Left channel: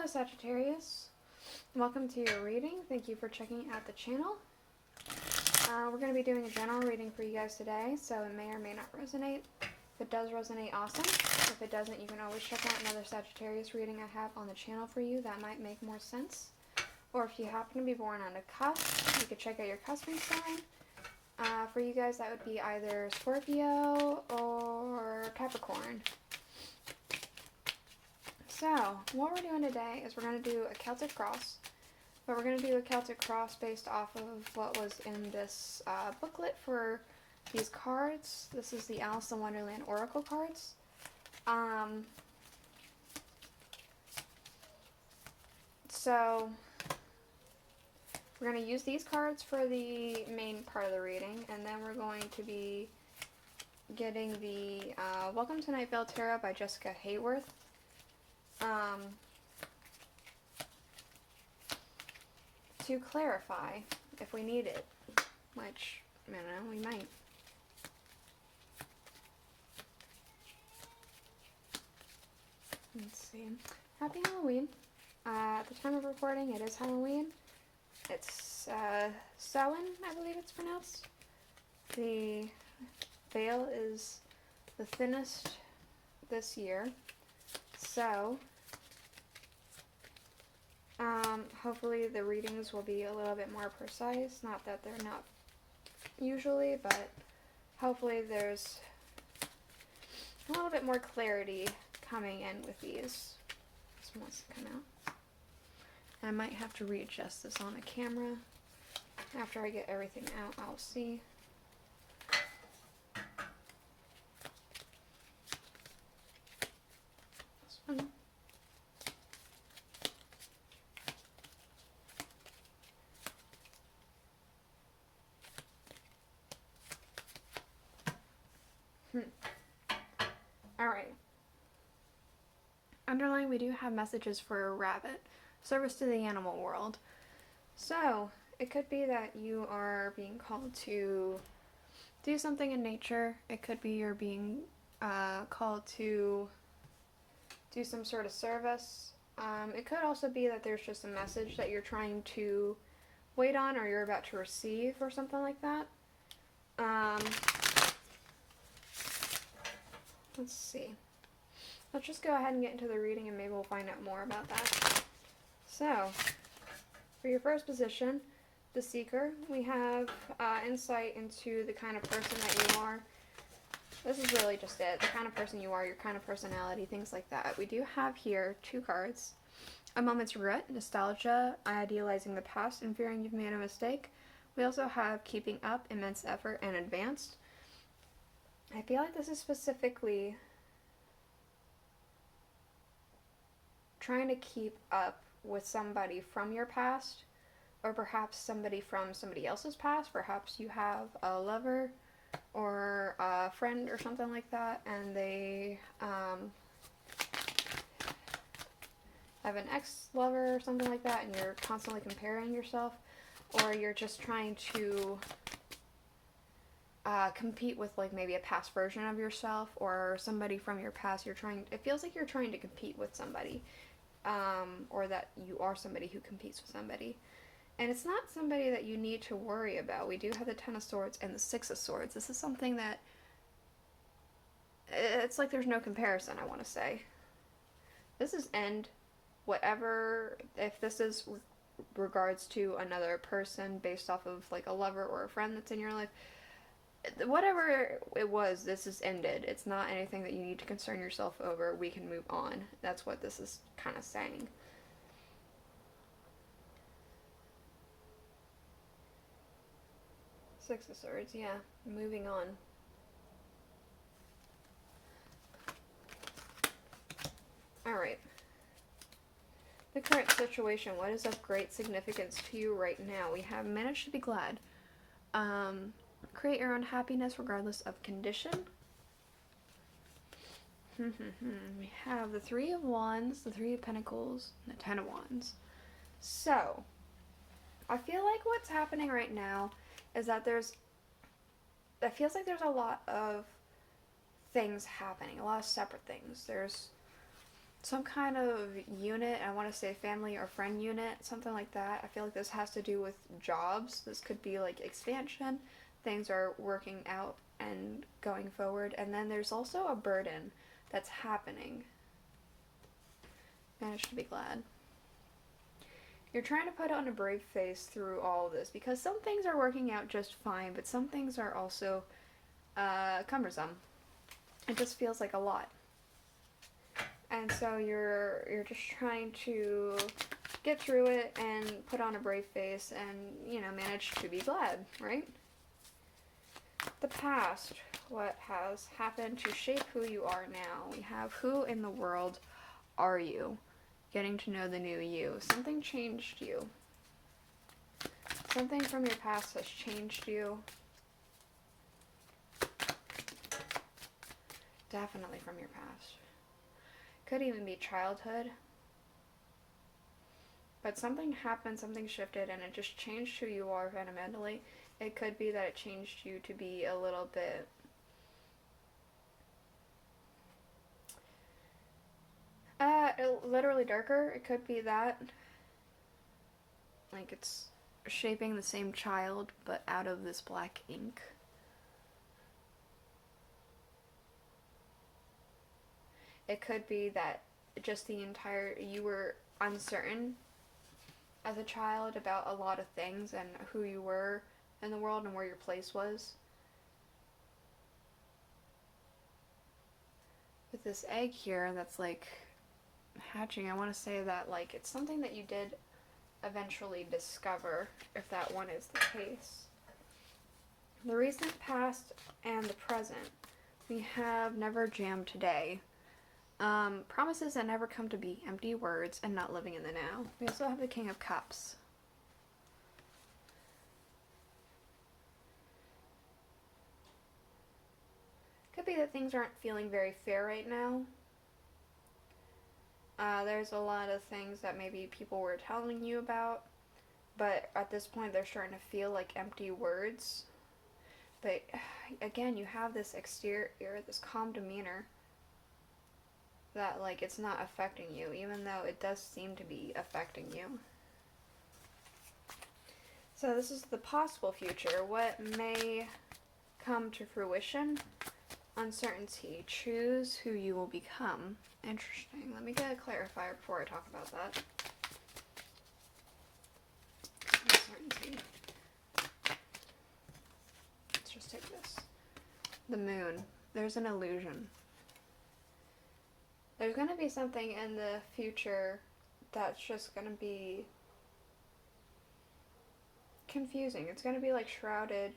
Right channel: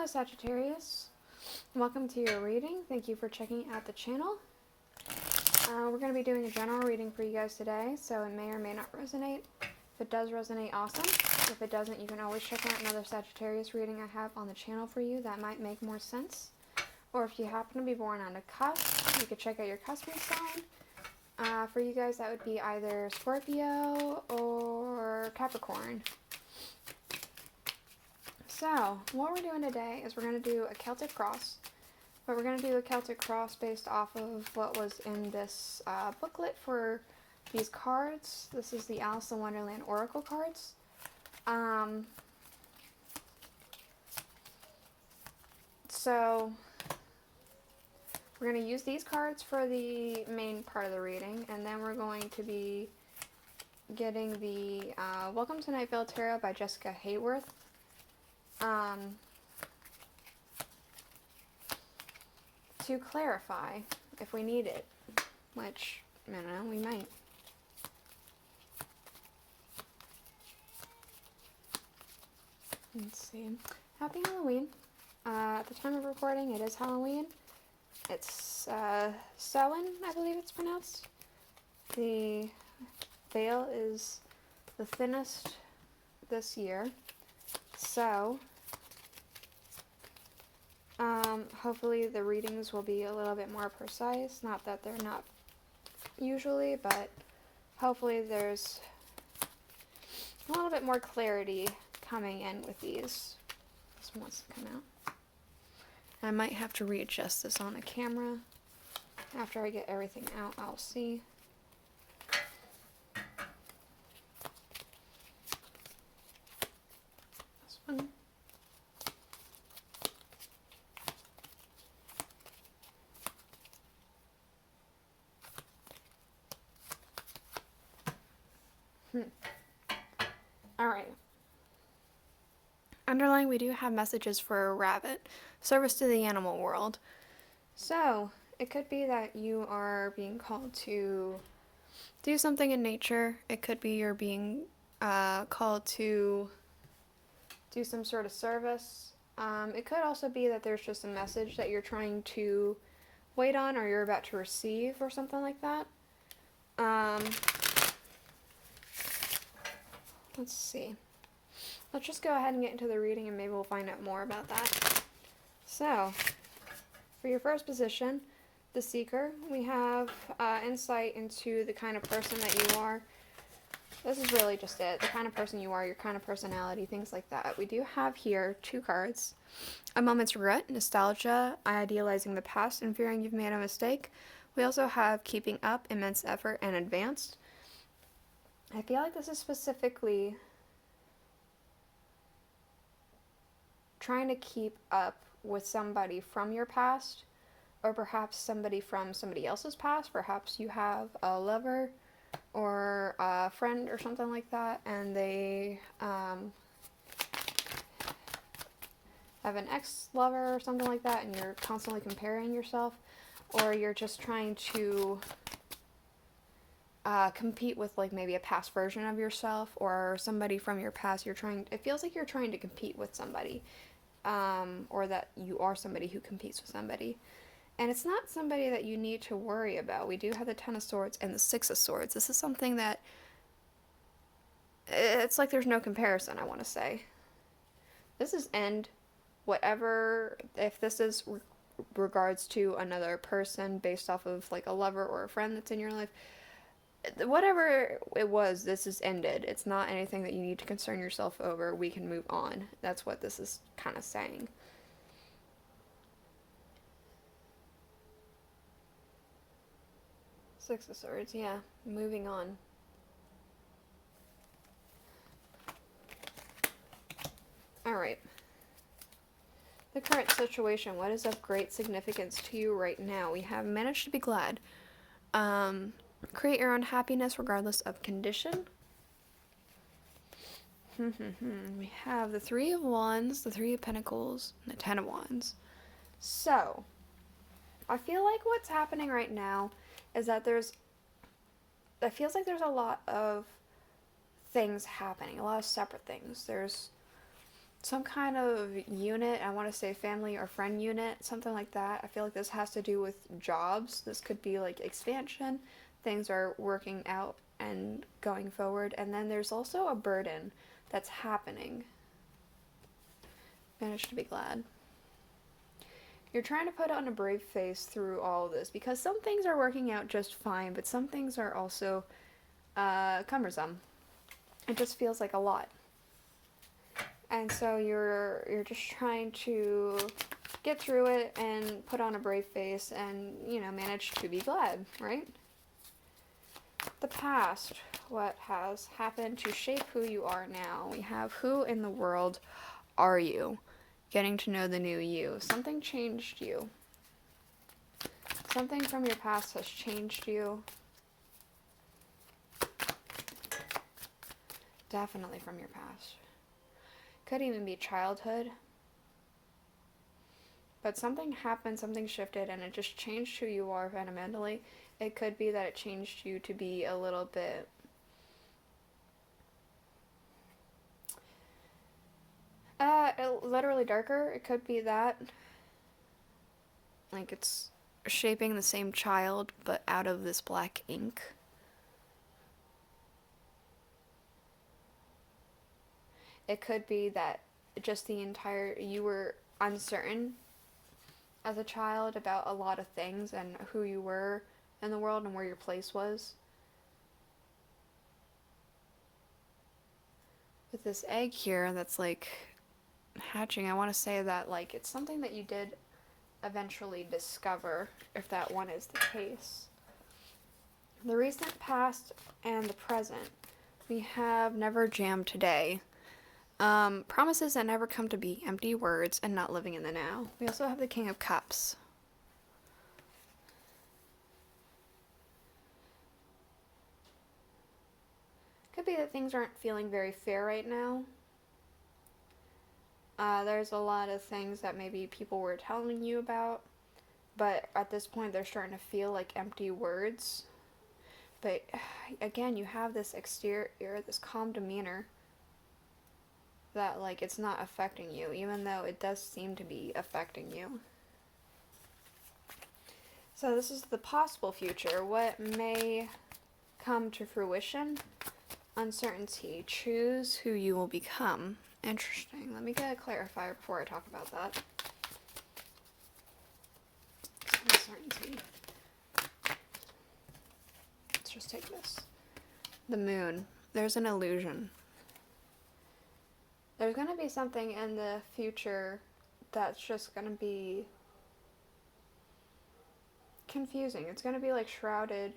Hello Sagittarius, welcome to your reading. Thank you for checking out the channel. We're going to be doing a general reading for you guys today, so it may or may not resonate. If it does resonate, awesome. If it doesn't, you can always check out another Sagittarius reading I have on the channel for you that might make more sense. Or if you happen to be born on a cusp, you could check out your cusping sign. For you guys, that would be either Scorpio or Capricorn. So, what we're doing today is we're going to do a Celtic cross. But we're going to do a Celtic cross based off of what was in this booklet for these cards. This is the Alice in Wonderland Oracle cards. So, we're going to use these cards for the main part of the reading. And then we're going to be getting the Welcome to Night Vale Tarot by Jessica Hayworth. To clarify if we need it, which, I don't know, we might. Let's see. Happy Halloween. At the time of recording, it is Halloween. It's Samhain, I believe it's pronounced. The veil is the thinnest this year. So, hopefully the readings will be a little bit more precise. Not that they're not usually, but hopefully there's a little bit more clarity coming in with these. This one wants to come out. I might have to readjust this on the camera. After I get everything out, I'll see. This one. Alright. Underlying, we do have messages for a rabbit. Service to the animal world. So, it could be that you are being called to do something in nature. It could be you're being called to do some sort of service. It could also be that there's just a message that you're trying to wait on or you're about to receive or something like that. Let's see. Let's just go ahead and get into the reading and maybe we'll find out more about that. So, for your first position, the Seeker, we have insight into the kind of person that you are. This is really just it. The kind of person you are, your kind of personality, things like that. We do have here two cards. A moment's regret, nostalgia, idealizing the past, and fearing you've made a mistake. We also have keeping up, immense effort, and advanced. I feel like this is specifically trying to keep up with somebody from your past, or perhaps somebody from somebody else's past. Perhaps you have a lover or a friend or something like that, and they have an ex-lover or something like that, and you're constantly comparing yourself, or you're just trying to compete with like maybe a past version of yourself or somebody from your past. It feels like you're trying to compete with somebody, or that you are somebody who competes with somebody. And it's not somebody that you need to worry about. We do have the Ten of Swords and the Six of Swords. This is something that, it's like there's no comparison, I want to say. This is end, whatever, if this is regards to another person based off of like a lover or a friend that's in your life, whatever it was, this is ended. It's not anything that you need to concern yourself over. We can move on. That's what this is kind of saying. Six of Swords, yeah. Moving on. Alright. The current situation. What is of great significance to you right now? We have managed to be glad. Create your own happiness regardless of condition. We have the Three of Wands, the Three of Pentacles, and the Ten of Wands. So, I feel like what's happening right now is that it feels like there's a lot of things happening, a lot of separate things. There's some kind of unit. I want to say family or friend unit, something like that. I feel like this has to do with jobs. This could be like expansion. Things are working out and going forward. And then there's also a burden that's happening. Managed to be glad. You're trying to put on a brave face through all of this because some things are working out just fine, but some things are also cumbersome. It just feels like a lot. And so you're just trying to get through it and put on a brave face and, you know, manage to be glad, right? The past, what has happened to shape who you are now. We have who in the world are you? Getting to know the new you. Something changed you. Something from your past has changed you. Definitely from your past. Could even be childhood. But something happened, something shifted, and it just changed who you are fundamentally. It could be that it changed you to be a little bit literally darker. It could be that. Like it's shaping the same child, but out of this black ink. It could be that just you were uncertain as a child about a lot of things and who you were in the world and where your place was. With this egg here that's like hatching, I want to say that like it's something that you did eventually discover, if that one is the case. The recent past and the present. We have never jammed today. Promises that never come to be, empty words, and not living in the now. We also have the King of Cups. Could be that things aren't feeling very fair right now. There's a lot of things that maybe people were telling you about, but at this point they're starting to feel like empty words. But again, you have this exterior, this calm demeanor that like it's not affecting you, even though it does seem to be affecting you. So this is the possible future. What may come to fruition? Uncertainty. Choose who you will become. Interesting. Let me get a clarifier before I talk about that. Uncertainty. Let's just take this. The moon. There's an illusion. There's going to be something in the future that's just going to be confusing. It's going to be like shrouded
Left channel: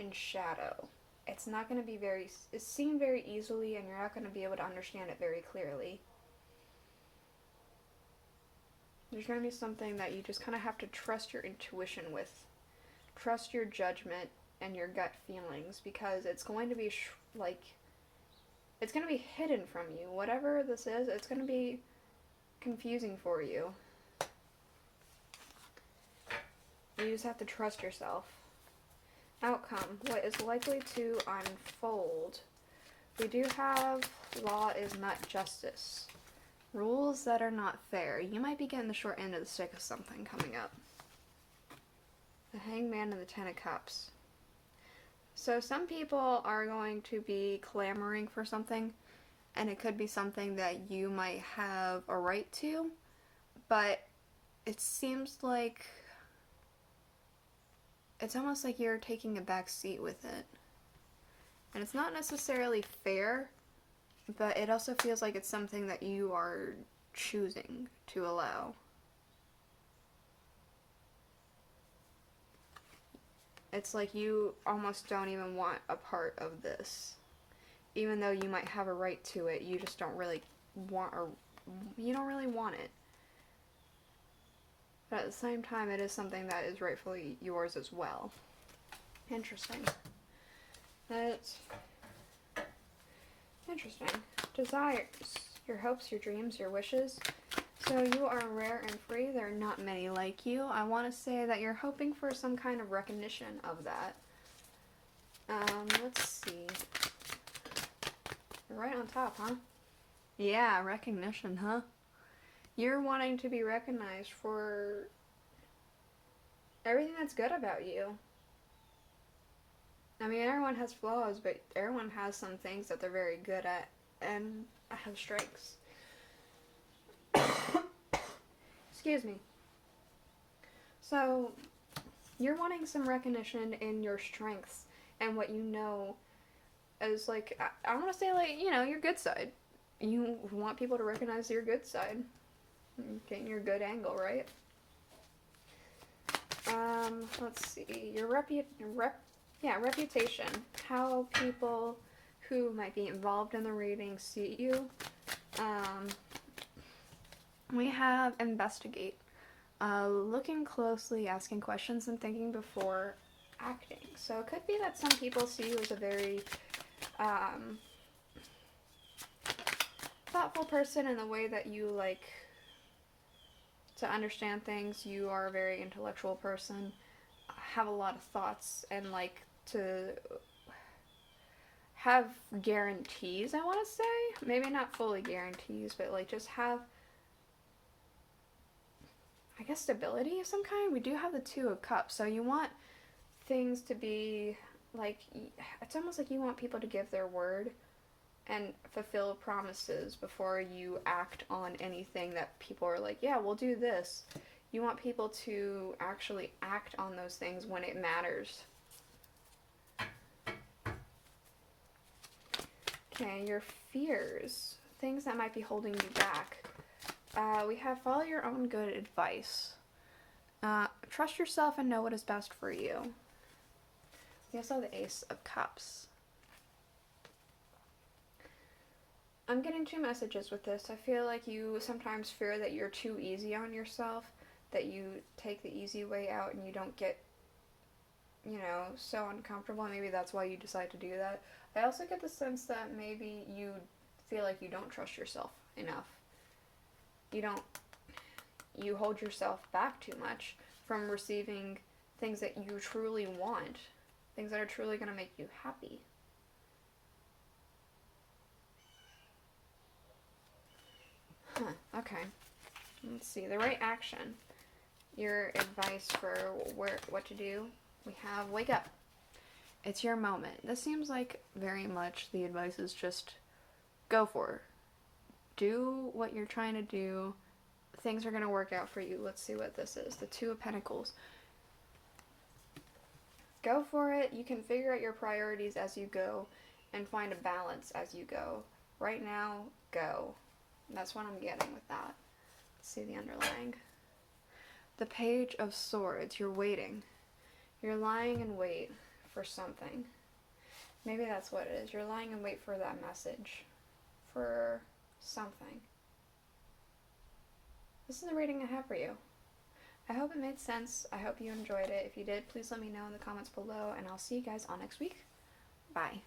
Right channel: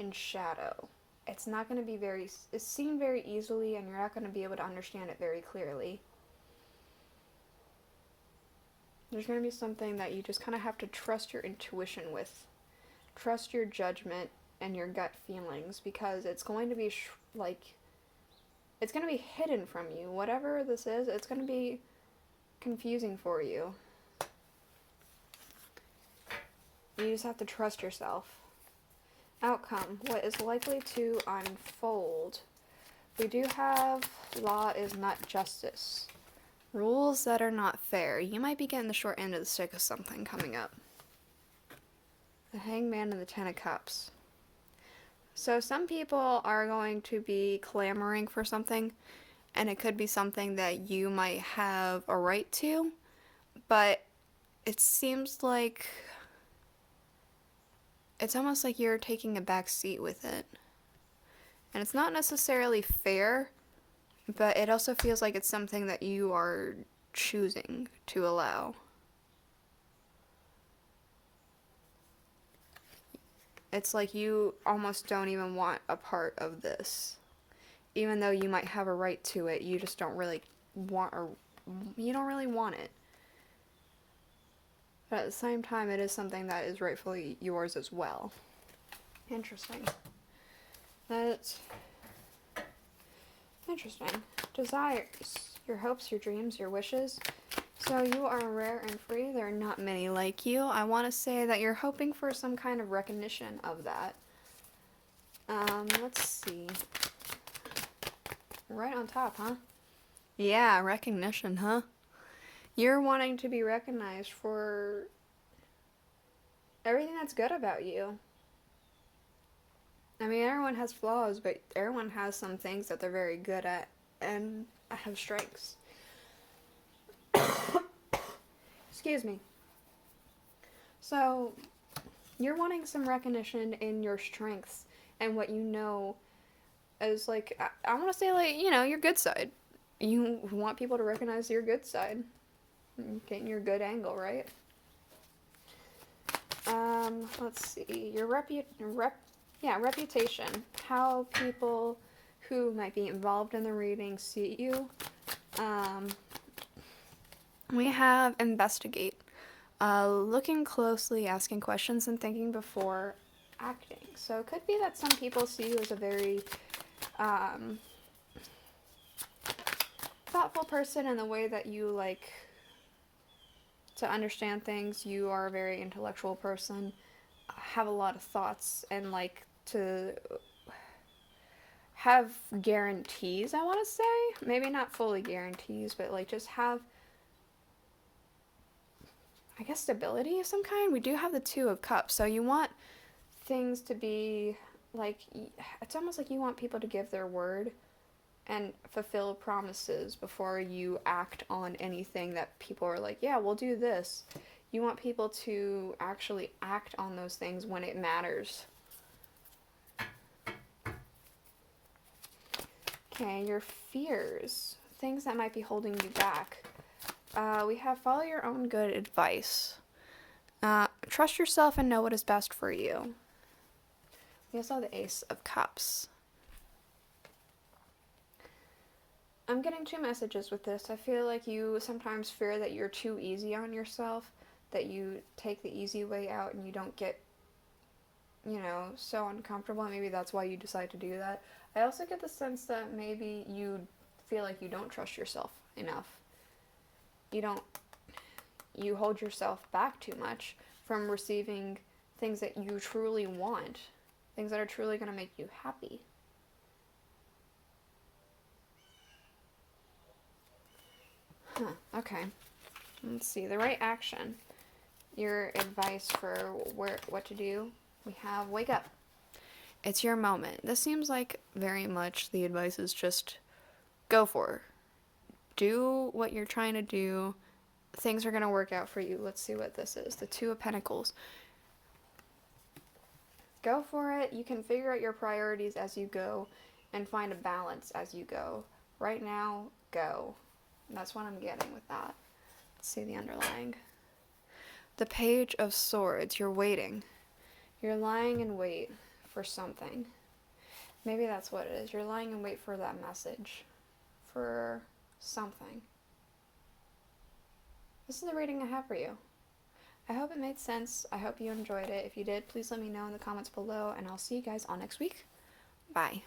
in shadow. It's not going to be it's seen very easily, and you're not going to be able to understand it very clearly. There's going to be something that you just kind of have to trust your intuition with. Trust your judgment and your gut feelings, because it's going to be it's going to be hidden from you. Whatever this is, it's going to be confusing for you. You just have to trust yourself. Outcome. What is likely to unfold? We do have law is not justice. Rules that are not fair. You might be getting the short end of the stick of something coming up. The Hangman and the Ten of Cups. So some people are going to be clamoring for something, and it could be something that you might have a right to, but it seems like it's almost like you're taking a back seat with it. And it's not necessarily fair, but it also feels like it's something that you are choosing to allow. It's like you almost don't even want a part of this. Even though you might have a right to it, you just don't really want, or you don't really want it. But at the same time, it is something that is rightfully yours as well. Interesting. That's interesting. Desires. Your hopes, your dreams, your wishes. So you are rare and free. There are not many like you. I want to say that you're hoping for some kind of recognition of that. Let's see. Right on top, huh? Yeah, recognition, huh? You're wanting to be recognized for everything that's good about you. I mean, everyone has flaws, but everyone has some things that they're very good at and have strengths. Excuse me. So, you're wanting some recognition in your strengths and what you know as, like, I want to say, like, you know, your good side. You want people to recognize your good side. Getting your good angle, right? Let's see. Your reputation. How people who might be involved in the reading see you. We have investigate. Looking closely, asking questions, and thinking before acting. So it could be that some people see you as a very thoughtful person in the way that you like to understand things. You are a very intellectual person, have a lot of thoughts, and like to have guarantees, I want to say. Maybe not fully guarantees, but like just have, I guess, stability of some kind. We do have the Two of Cups, so you want things to be like, it's almost like you want people to give their word and fulfill promises before you act on anything that people are like, yeah, we'll do this. You want people to actually act on those things when it matters. Okay, your fears, things that might be holding you back. We have follow your own good advice. Trust yourself and know what is best for you. We also have the Ace of Cups. I'm getting two messages with this. I feel like you sometimes fear that you're too easy on yourself, that you take the easy way out and you don't get, you know, so uncomfortable. Maybe that's why you decide to do that. I also get the sense that maybe you feel like you don't trust yourself enough. You hold yourself back too much from receiving things that you truly want, things that are truly going to make you happy. Okay. Let's see. The right action. Your advice for what to do. We have wake up. It's your moment. This seems like very much the advice is just go for it. Do what you're trying to do. Things are going to work out for you. Let's see what this is. The Two of Pentacles. Go for it. You can figure out your priorities as you go and find a balance as you go. Right now, go. That's what I'm getting with that. Let's see the underlying. The Page of Swords. You're waiting. You're lying in wait for something. Maybe that's what it is. You're lying in wait for that message. For something. This is the reading I have for you. I hope it made sense. I hope you enjoyed it. If you did, please let me know in the comments below, and I'll see you guys all next week. Bye.